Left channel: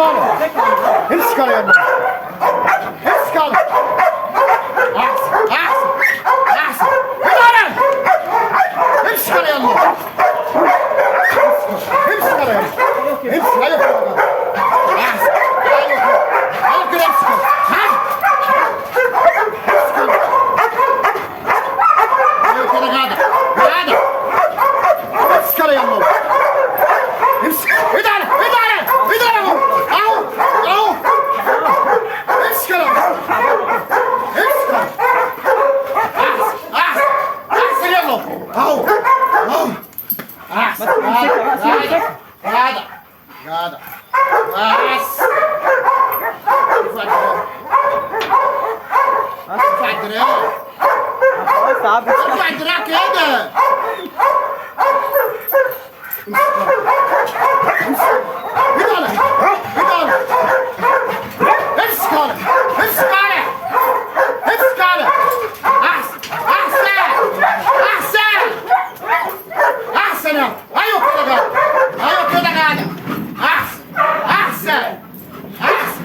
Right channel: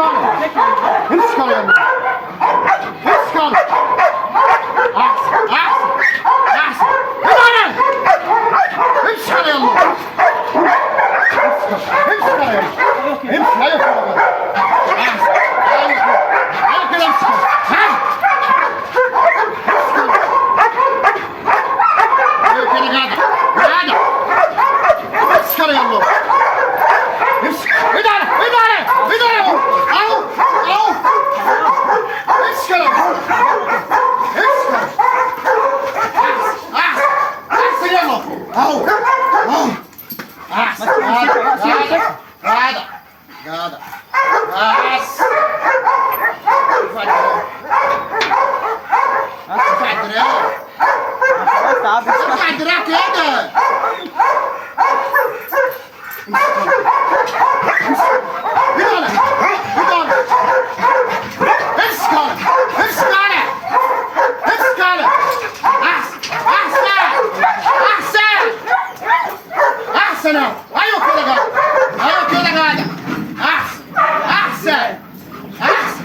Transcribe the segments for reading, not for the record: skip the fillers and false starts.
على امسك على يا ابني. امسك على احسن احسن احسن. يلا امسك على يلا. امسك على يلا. امسك ايوه احسن. ايوه كده امسك. ايوه كده جدع جدع. امسك على يلا. امسك. ادعي ادعي ادعي اهو اهو. امسك على امسك. احسن احسن يلا اهو اهو. احسن جدع جدع جدع. بس ارفع الدراع. ارفع الدراع كده. ايوه كده جدع. ايوه كده جدع. احسن احسن احسن.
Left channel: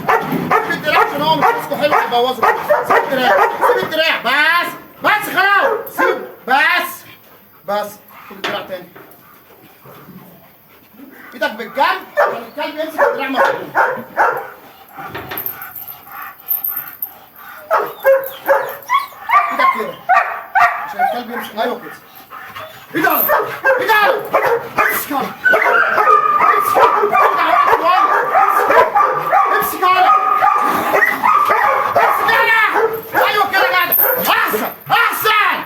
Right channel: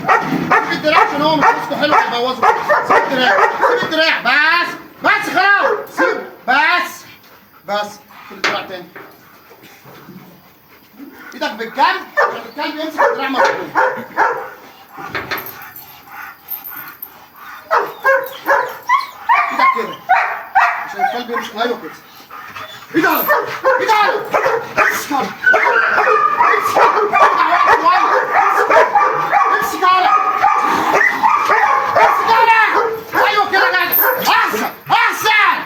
سيب الدراع عشان هو مش ماسكه حلو هيبوظه. سيب الدراع سيب الدراع. بس بس خلاص سيب. بس سيب الدراع تاني. ايدك بالجنب عشان الكلب يمسك الدراع مظبوط. ايدك كده عشان الكلب يمسك. ايوه كده. ايدك ايدك. امسك امسك على. ايوه كده جدع. احسن احسن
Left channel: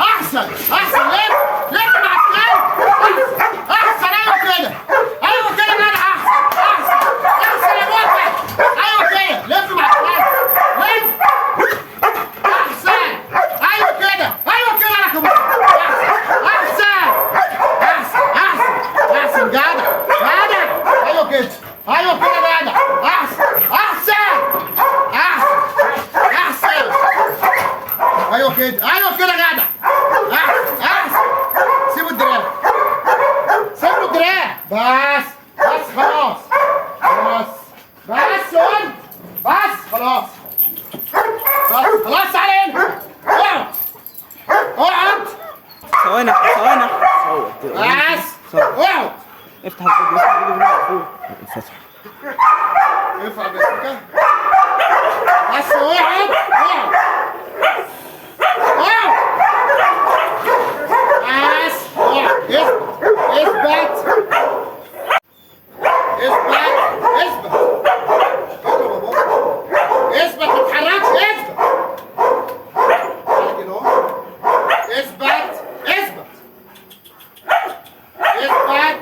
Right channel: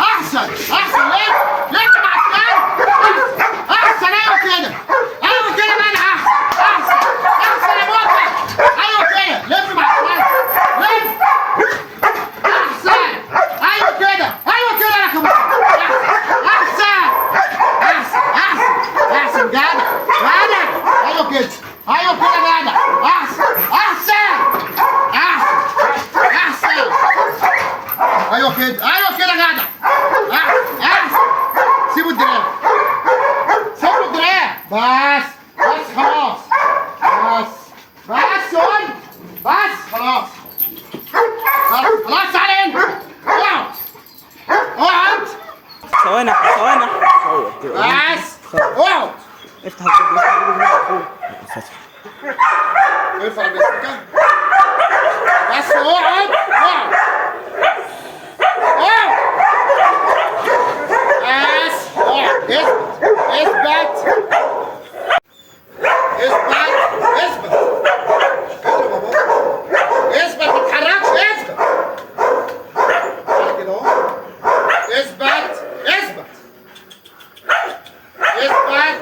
احسن احسن. ليه؟ ليه مع الكلب؟ احسن. ايوه كده ايوه كده جدع. احسن احسن يا موقع. ايوه كده لف مع الكلب. لف. احسن. ايوه كده ايوه كده يا كمان. احسن احسن احسن احسن جدع جدع. ايوه كده ايوه كده جدع. احسن احسن احسن احسن. ايوه كده ايوه كده جدع. احسن احسن. سيبوا الدراع سيبوا الدراع. بس بس خلاص. بس قول. بس خلاص. بس خلاص. تعالى هنا. اقعد اقعد. ثواني ثواني. صور كده. بس اقعد. افتح الفيديو اخوي. ارفع البلاستيكة. بس اقعد اقعد اقعد. بس اقعد. اثبت اثبت اثبت اثبت. اثبت ما تتحركش. اثبت كده اهو. اثبت اثبت اثبت.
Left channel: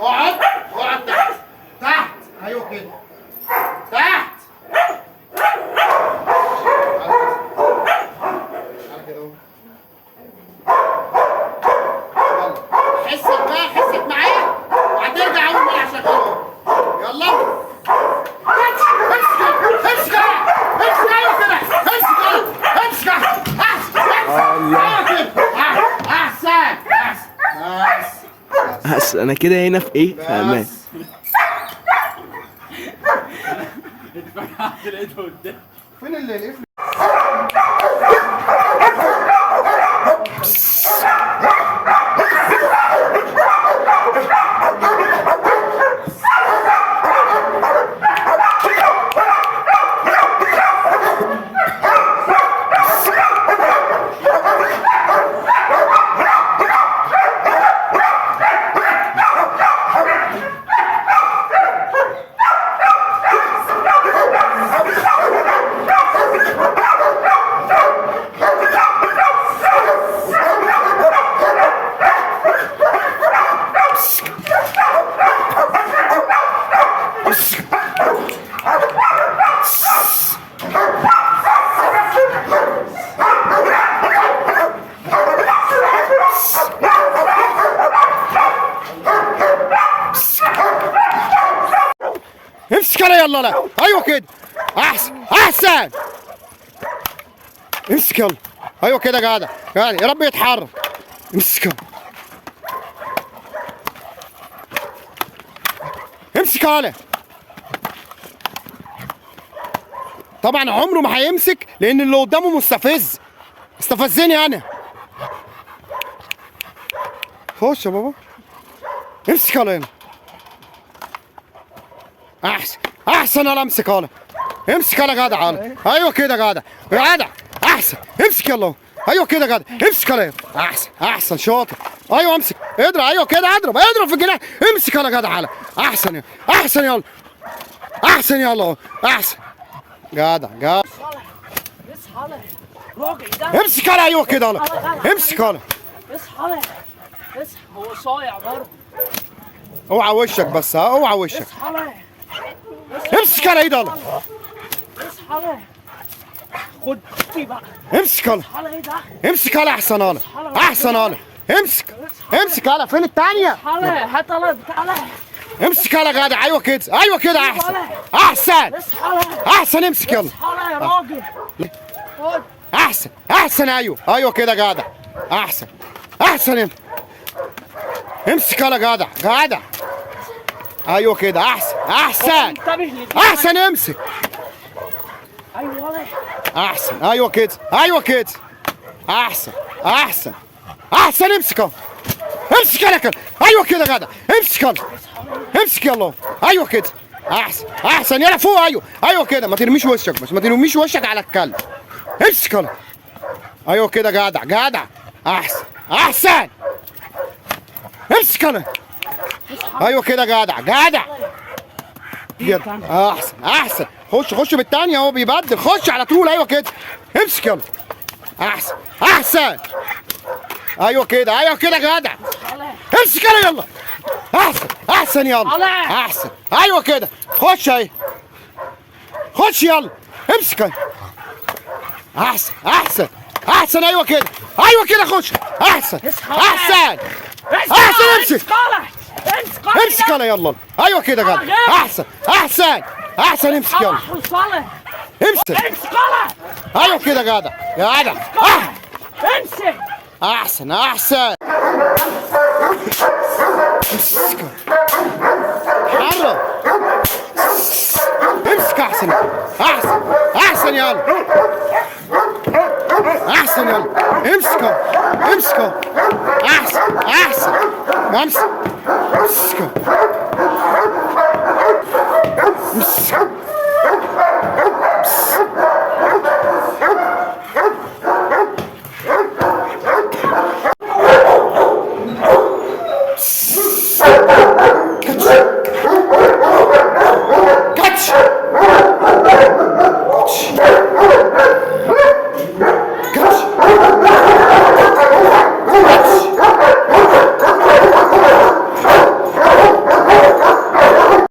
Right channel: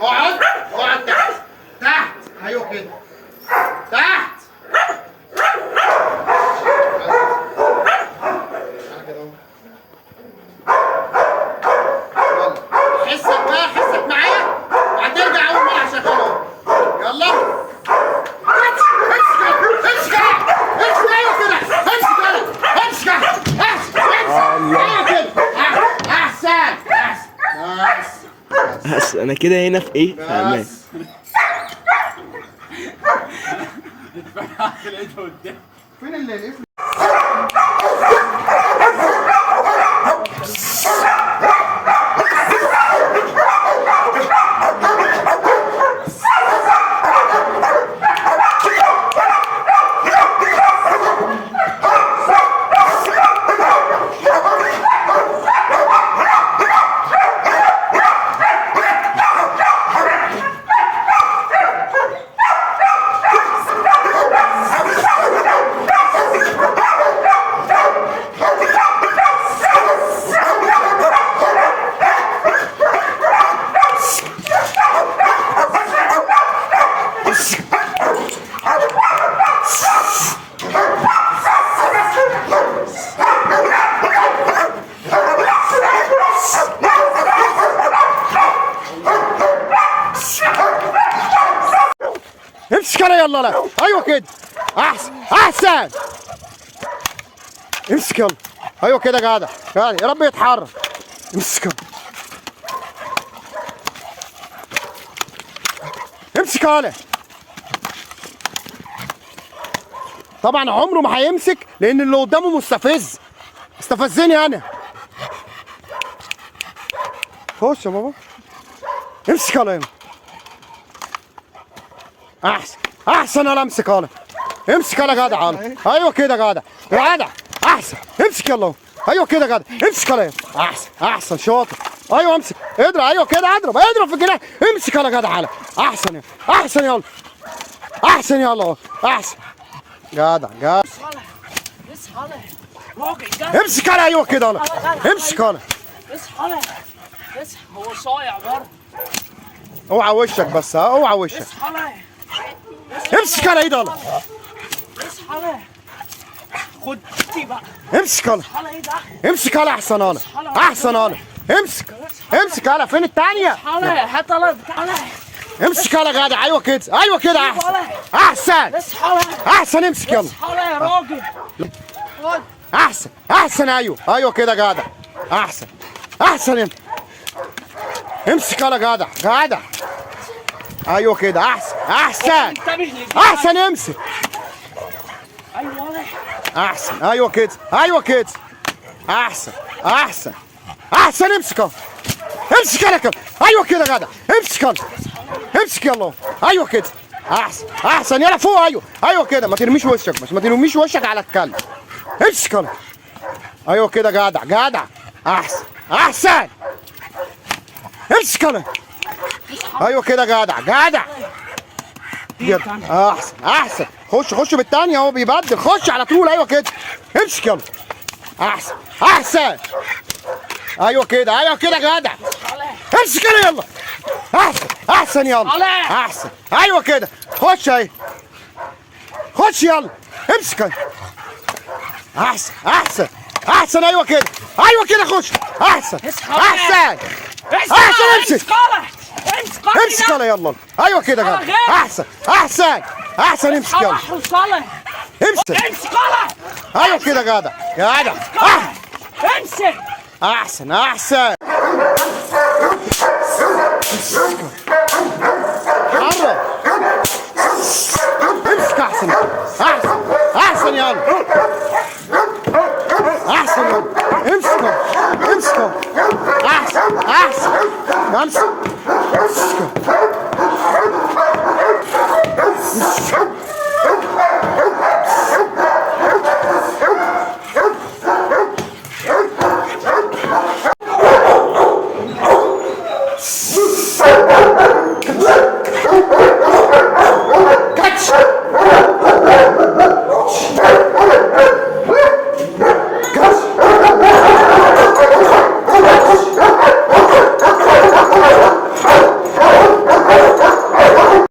اقعد اقعد تحت تحت. ايوه كده تحت. حسك بقى حسك معايا وهترجع اول ما هشغله. يلا امسك امسك امسك. ايوه كده امسك امسك احسن. ايوه كده احسن احسن. بس انا كده هنا في ايه؟ في امان. فين القفل؟ امسك على يلا. لا ايوه كده احسن احسن. امسك يلا. ايوه كده جدع يعني. يا رب يتحرك. امسك يلا. امسك على طبعا عمره ما هيمسك لان اللي قدامه مستفز. استفزني انا. خش يا بابا. امسك يلا هنا. احسن يلا امسك يلا. امسك يلا جدع يلا. ايوه كده جدع. جدع. احسن. امسك يلا. ايوه كده جدع. امسك يلا. احسن شاطر. ايوه امسك. اضرب. ايوه كده اضرب في الجناح. امسك يلا جدع يلا. احسن يلا. احسن يلا. احسن. جدع. امسك يلا. ايوه كده يلا. امسك يلا. اصحى هو صايع برضه. اوعى وشك بس. اوعى وشك. اصحى امسك يلا ايد يلا. اصحى خد دي بقى. امسك يلا. امسك يلا. احسن يلا. امسك يلا. فين الثانيه؟ هات يلا تعالى. امسك يلا جدع. ايوه كده. احسن. امسك يلا. اصحى يا راجل. خد. احسن. ايوه كده جدع. احسن. امسك يلا جدع. ايوه كده. احسن. امسك. ايوه احسن. ايوه كده. احسن. امسك يلا. ايوه كده جدع. امسك يلا. ايوه كده. احسن. يلا فوق. ايوه كده. ما ترميش وشك بس. ما ترميش وشك على الكلب. امسك يلا. ايوه كده جدع. احسن. امسك يلا. ايوه كده جدع. احسن. خش بالثانيه. هو بيبدل. خش على طول. ايوه كده. امسك يلا. احسن. ايوه كده جدع. امسك يلا. احسن يلا. ايوه كده. خش يلا. امسك يلا. احسن. ايوه كده. خش. احسن. امسك يلا. ايوه كده جدع. احسن. امسك يلا. امسك. ايوه كده جدع. امسك. احسن. حرك. امسك. احسن يلا. امسك. احسن.